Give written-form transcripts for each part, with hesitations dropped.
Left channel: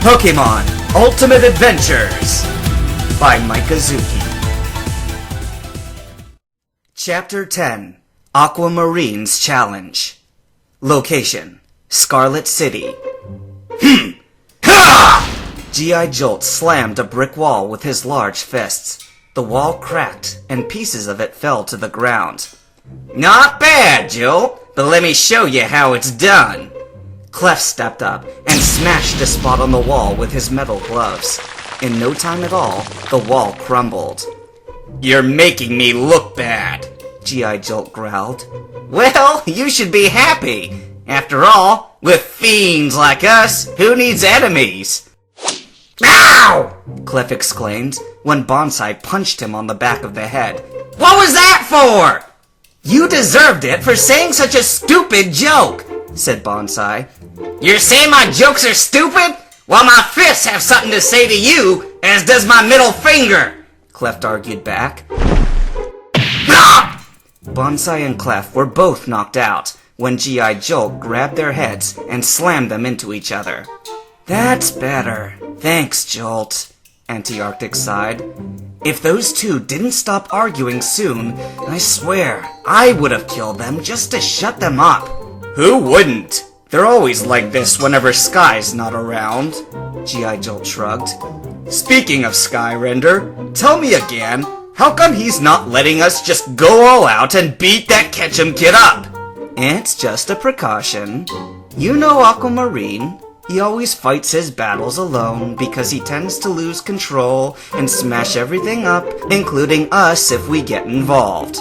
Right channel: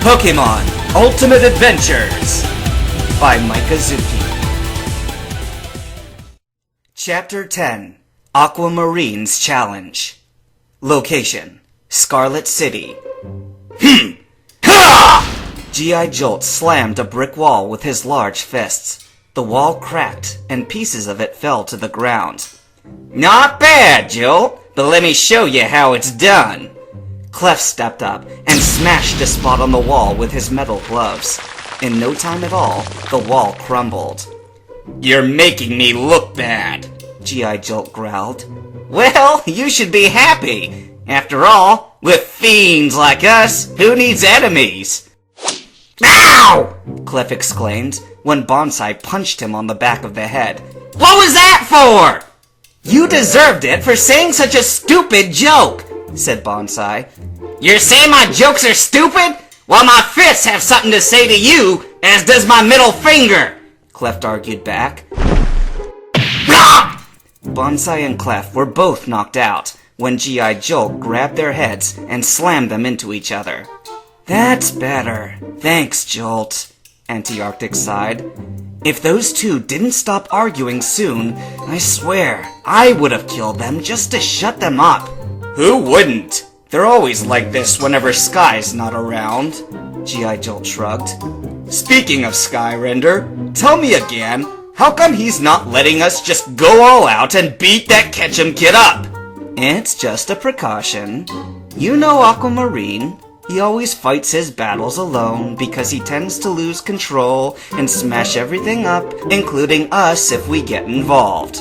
Pokemon Ultimate Adventures by Mikazuki. Chapter 10, AAMRN's Challenge. Location, Scarlet City. Ha! G.I. Jolt slammed a brick wall with his large fists. The wall cracked, and pieces of it fell to the ground. Not bad, Jolt, but let me show you how it's done. Clef stepped up and smashed a spot on the wall with his metal gloves. In no time at all, the wall crumbled. You're making me look bad, G.I. Jolt growled. Well, you should be happy. After all, with fiends like us, who needs enemies? Ow! Clef exclaimed when Bonsai punched him on the back of the head. What was that for? You deserved it for saying such a stupid joke, said Bonsai. You're saying my jokes are stupid? Well, my fists have something to say to you, as does my middle finger, Clef argued back. Bonsai and Clef were both knocked out when G.I. Jolt grabbed their heads and slammed them into each other. That's better. Thanks, Jolt, Anti-Arctic sighed. If those two didn't stop arguing soon, I swear, I would have killed them just to shut them up. Who wouldn't? They're always like this whenever Sky's not around, G.I. Jolt shrugged. Speaking of Skyrender, tell me again, how come he's not letting us just go all out and beat that Ketchum kid up? It's just a precaution. You know AAMRN. He always fights his battles alone because he tends to lose control and smash everything up, including us if we get involved.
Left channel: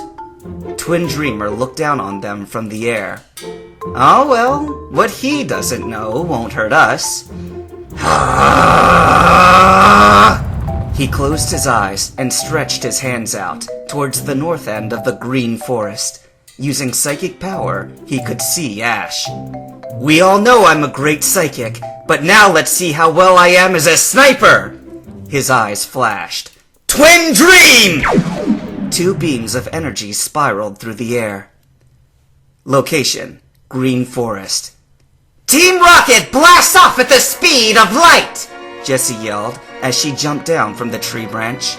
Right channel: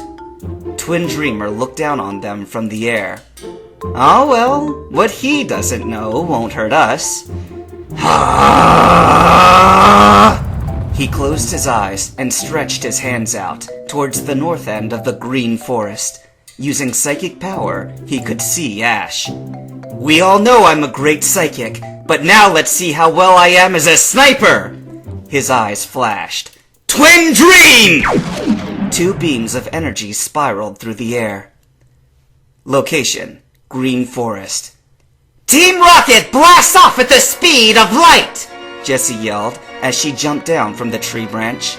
Twin Dreamer looked down on them from the air. Oh well, what he doesn't know won't hurt us. He closed his eyes and stretched his hands out towards the north end of the green forest. Using psychic power, he could see Ash. We all know I'm a great psychic, but now let's see how well I am as a sniper! His eyes flashed. Twin Dream! Two beams of energy spiraled through the air. Location, green forest. Team Rocket blast off at the speed of light! Jessie yelled as she jumped down from the tree branch.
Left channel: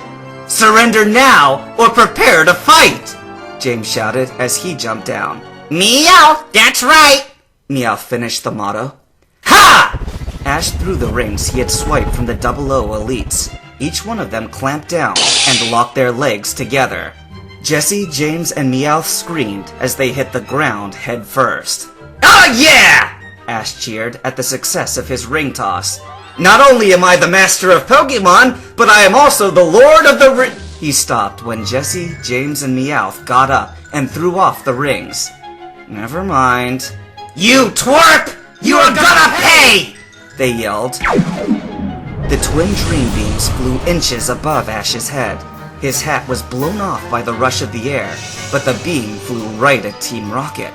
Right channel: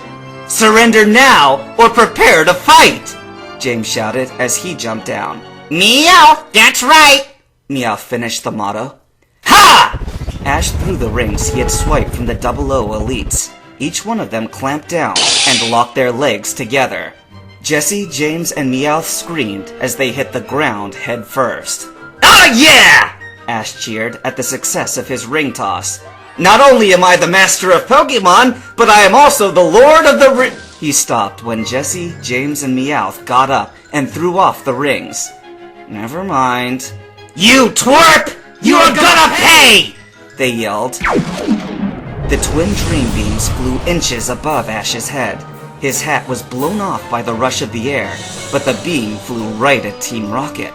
Surrender now or prepare to fight! James shouted as he jumped down. Meow, that's right! Meow finished the motto. Ha! Ash threw the rings he had swiped from the 00 elites. Each one of them clamped down and locked their legs together. Jessie, James, and Meowth screamed as they hit the ground head first. Oh yeah! Ash cheered at the success of his ring toss. Not only am I the master of Pokemon, but I am also the lord of the He stopped when Jessie, James, and Meowth got up and threw off the rings. Never mind. You twerp! You're gonna pay! They yelled. The twin dream beams flew inches above Ash's head. His hat was blown off by the rush of the air, but the beam flew right at Team Rocket.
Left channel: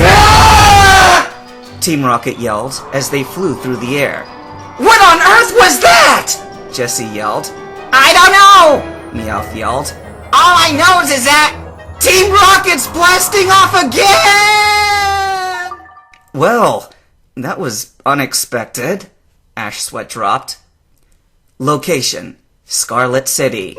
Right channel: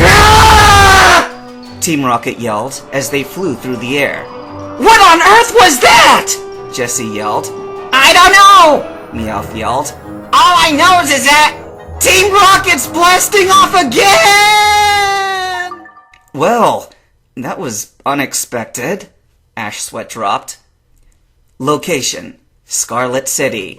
Ah! Team Rocket yelled as they flew through the air. What on earth was that? Jessie yelled. I don't know! Meowth yelled. All I know is that Team Rocket's blasting off again! Well, that was unexpected. Ash sweat dropped. Location, Scarlet City.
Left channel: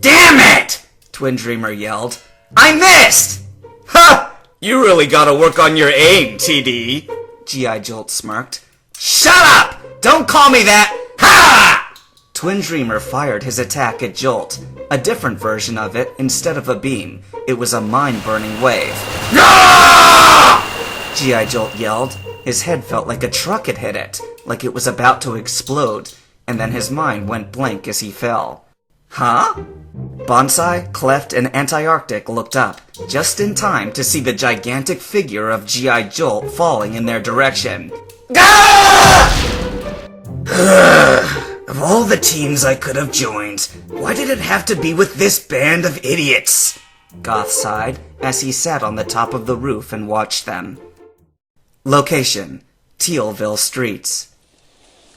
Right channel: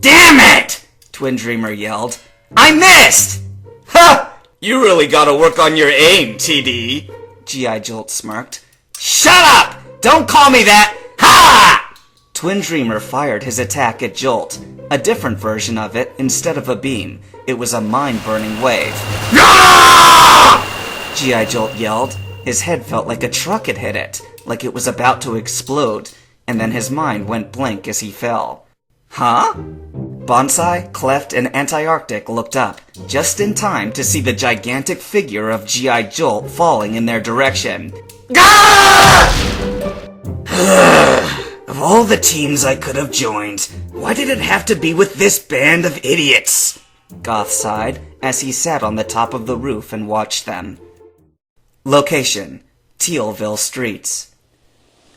Damn it! Twin Dreamer yelled. I missed! Ha! You really gotta work on your aim, TD. G.I. Jolt smirked. Shut up! Don't call me that! Ha! Twin Dreamer fired his attack at Jolt. A different version of it, instead of a beam. It was a mind-burning wave. No! G.I. Jolt yelled. His head felt like a truck had hit it, like it was about to explode, and then his mind went blank as he fell. Huh? Bonsai, Cleft, and Anti-Arctic looked up, just in time to see the gigantic figure of G.I. Jolt falling in their direction. Of all the teams I could have joined, why did it have to be with this band of idiots? Goth sighed as he sat on the top of the roof and watched them. Location, Tealville streets.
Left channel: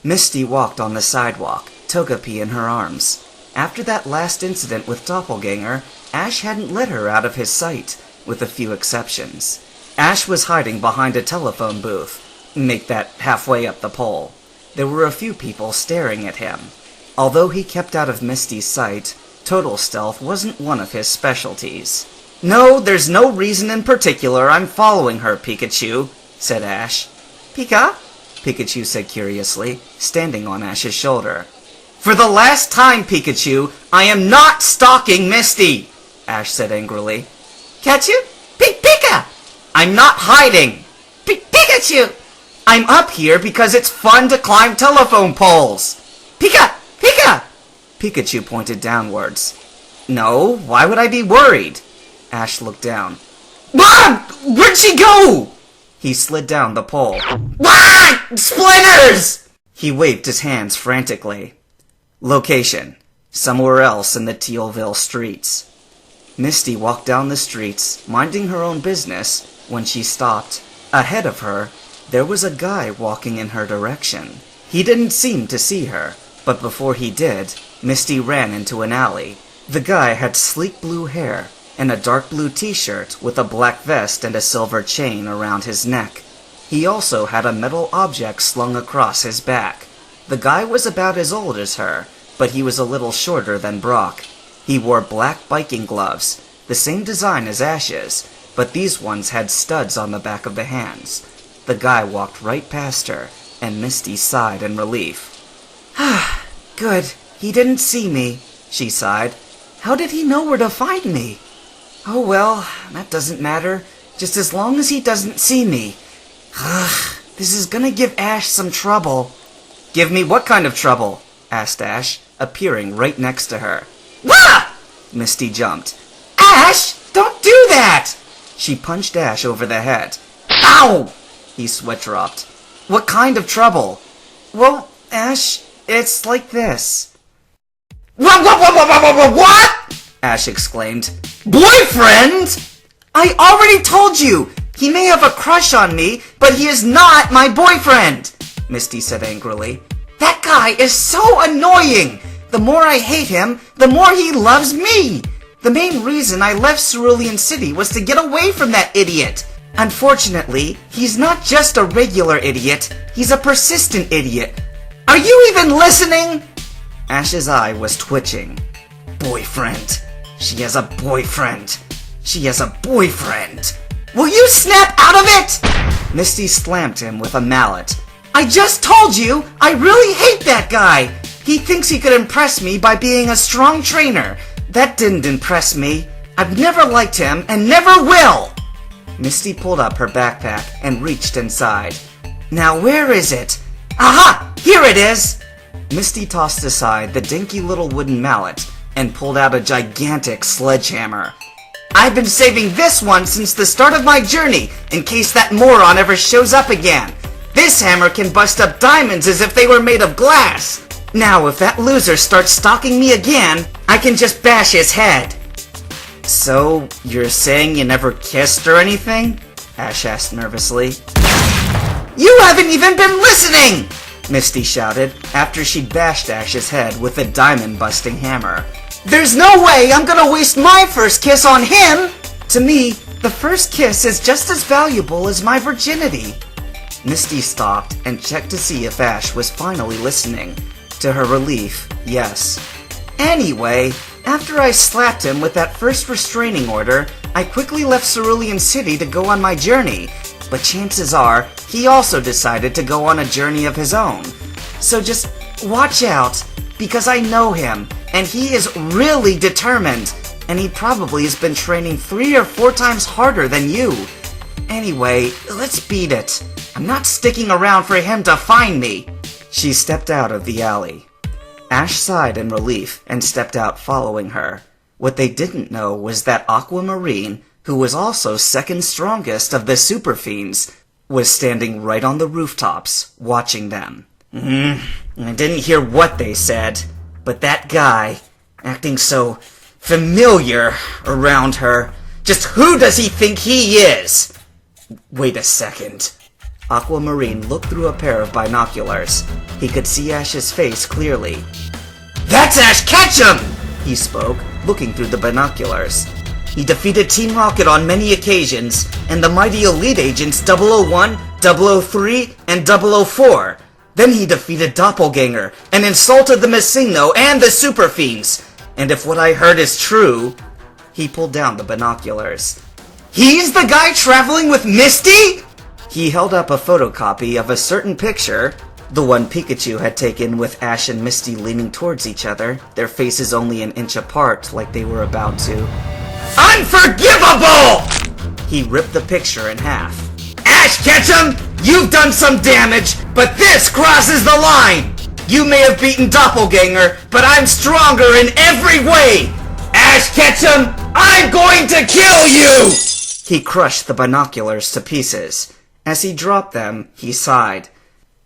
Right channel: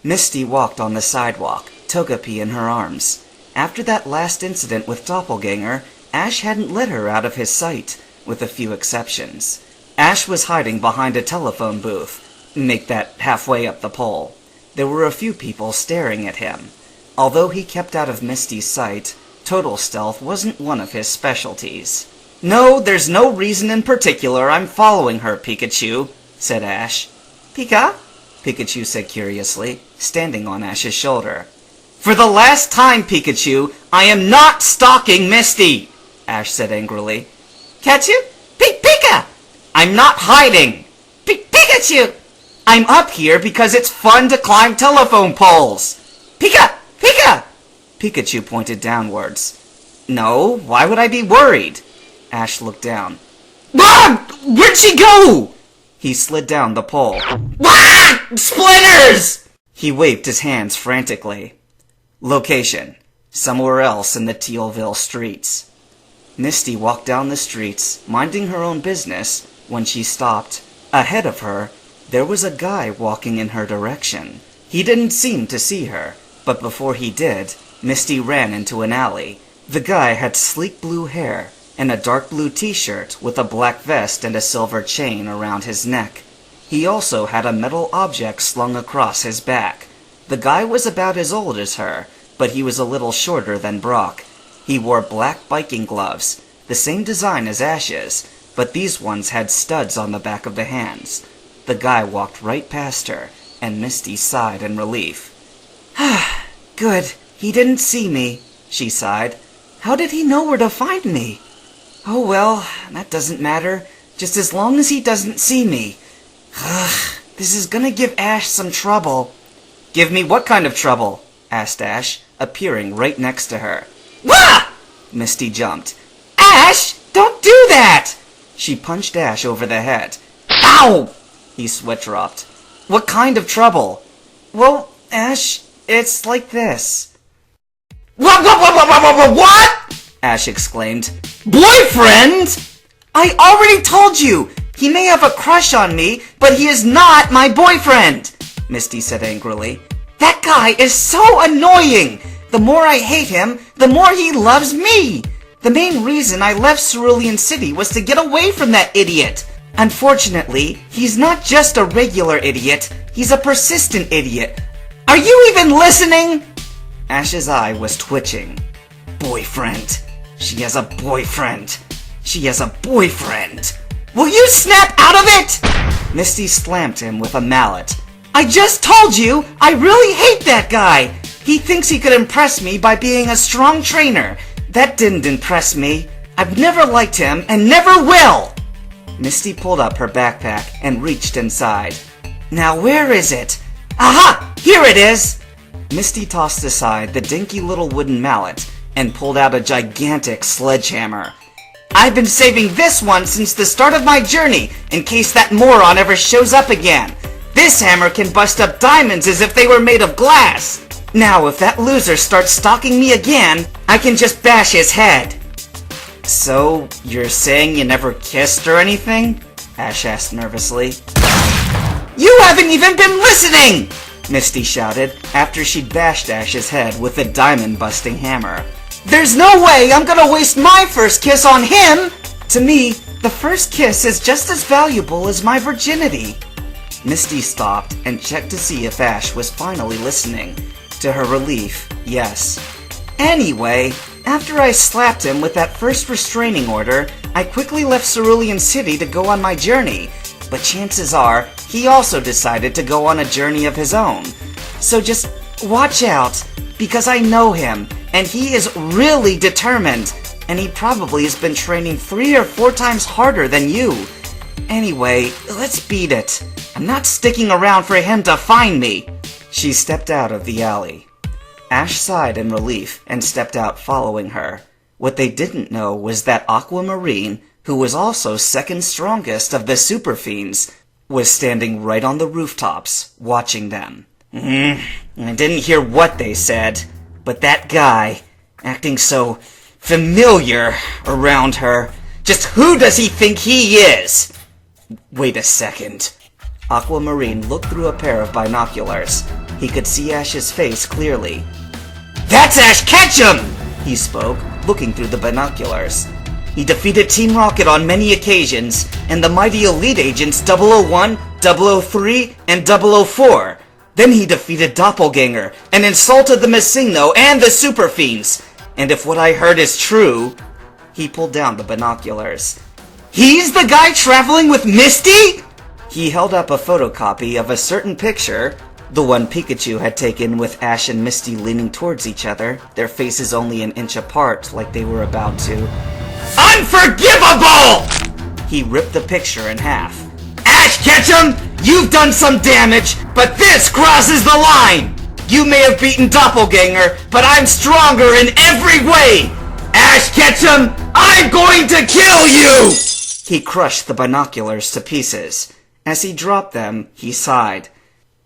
Misty walked on the sidewalk, Togepi in her arms. After that last incident with Doppelganger, Ash hadn't let her out of his sight, with a few exceptions. Ash was hiding behind a telephone booth. Make that halfway up the pole. there were a few people staring at him. Although he kept out of Misty's sight, total stealth wasn't one of his specialties. "No, there's no reason in particular I'm following her, Pikachu," said Ash. "Pika?" Pikachu said curiously, standing on Ash's shoulder. "For the last time, Pikachu, I am not stalking Misty!" Ash said angrily. "Catch you? Pika! I'm not hiding! Pikachu! I'm up here because it's fun to climb telephone poles! Pika! Pika!" Pikachu pointed downwards. "No, why would I be worried?" Ash looked down. "Mom! Where'd she go?" He slid down the pole. "Wah! Splinters!" He waved his hands frantically. Location: somewhere else in the Tealville streets. Misty walked down the streets, minding her own business, when she stopped. Ahead of her, there was a guy walking in her direction. He didn't seem to see her, but before he did, Misty ran into an alley. The guy had sleek blue hair and a dark blue t-shirt with a black vest and a silver chain around his neck. He also had a metal object slung across his back. The guy was about as old as her, but he was a little shorter than Brock. He wore black biking gloves, the same design as Ash's, but these ones had studs on the back of the hands. The guy walked right past her, and Misty sighed in relief. "Ah, good. He didn't see me," she sighed. "How did he know where to find me? Oh well, that doesn't matter, just as long as he doesn't see me. Ugh, this is gonna give Ash some trouble." "Give me what kind of trouble?" asked Ash, appearing right next to her. "Wah!" Misty jumped. "Ash, don't do that!" She punched Ash over the head. "Ow!" He sweat-dropped. "What kind of trouble?" "Well, Ash, it's like this." What? Ash exclaimed. "Boyfriend? I already told you! He may have a crush on me, but he is not my boyfriend!" Misty said angrily. "That guy is so annoying! The more I hate him, the more he loves me! The main reason I left Cerulean City was to get away from that idiot! Unfortunately, he's not just a regular idiot, he's a persistent idiot. Are you even listening?" Ash's eye was twitching. "Boyfriend. She has a boyfriend. She has a boyfriend. Will you snap out of it?" Misty slammed him with a mallet. "I just told you, I really hate that guy. He thinks he could impress me by being a strong trainer. That didn't impress me. I've never liked him and never will." Misty pulled up her backpack and reached inside. "Now where is it? Aha! Here it is!" Misty tossed aside the dinky little wooden mallet and pulled out a gigantic sledgehammer. "I've been saving this one since the start of my journey, in case that moron ever shows up again. This hammer can bust up diamonds as if they were made of glass. Now, if that loser starts stalking me again, I can just bash his head." "So, you're saying you never kissed or anything?" Ash asked nervously. "You haven't even been listening!" Misty shouted after she'd bashed Ash's head with the diamond-busting hammer. "There's no way I'm gonna waste my first kiss on him! To me, the first kiss is just as valuable as my virginity." Misty stopped and checked to see if Ash was finally listening. To her relief, yes. "Anyway, after I slapped him with that first restraining order, I quickly left Cerulean City to go on my journey. But chances are, he also decided to go on a journey of his own. So just watch out, because I know him, and he is really determined, and he probably has been training 3 or 4 times harder than you. Anyway, let's beat it. I'm not sticking around for him to find me." She stepped out of the alley. Ash sighed in relief and stepped out following her. What they didn't know was that AAMRN, who was also second strongest of the super fiends, was standing right on the rooftops, watching them. I didn't hear what they said, but that guy, acting so familiar around her, just who does he think he is? Wait a second. AAMRN looked through a pair of binoculars. He could see Ash's face clearly. "That's Ash Ketchum!" he spoke, looking through the binoculars. "He defeated Team Rocket on many occasions, and the mighty elite agents 001, 003, and 004. Then he defeated Doppelganger and insulted the Messino and the Super Fiends. And if what I heard is true, he pulled down the binoculars. He's the guy traveling with Misty? He held up a photocopy of a certain picture, the one Pikachu had taken with Ash and Misty leaning towards each other, their faces only an inch apart like they were about to. Unforgivable! He ripped the picture in half. Ash Ketchum, you've done some damage, but this crosses the line! You may have beaten Doppelganger, but I'm stronger in every way! Ash Ketchum, I'm going to kill you! He crushed the binoculars to pieces. As he dropped them, he sighed.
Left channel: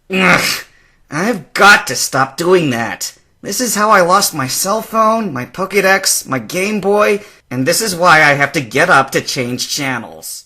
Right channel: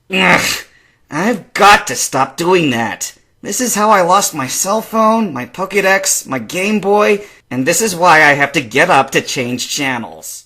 Ugh, I've got to stop doing that. This is how I lost my cell phone, my Pokédex, my Game Boy, and this is why I have to get up to change channels.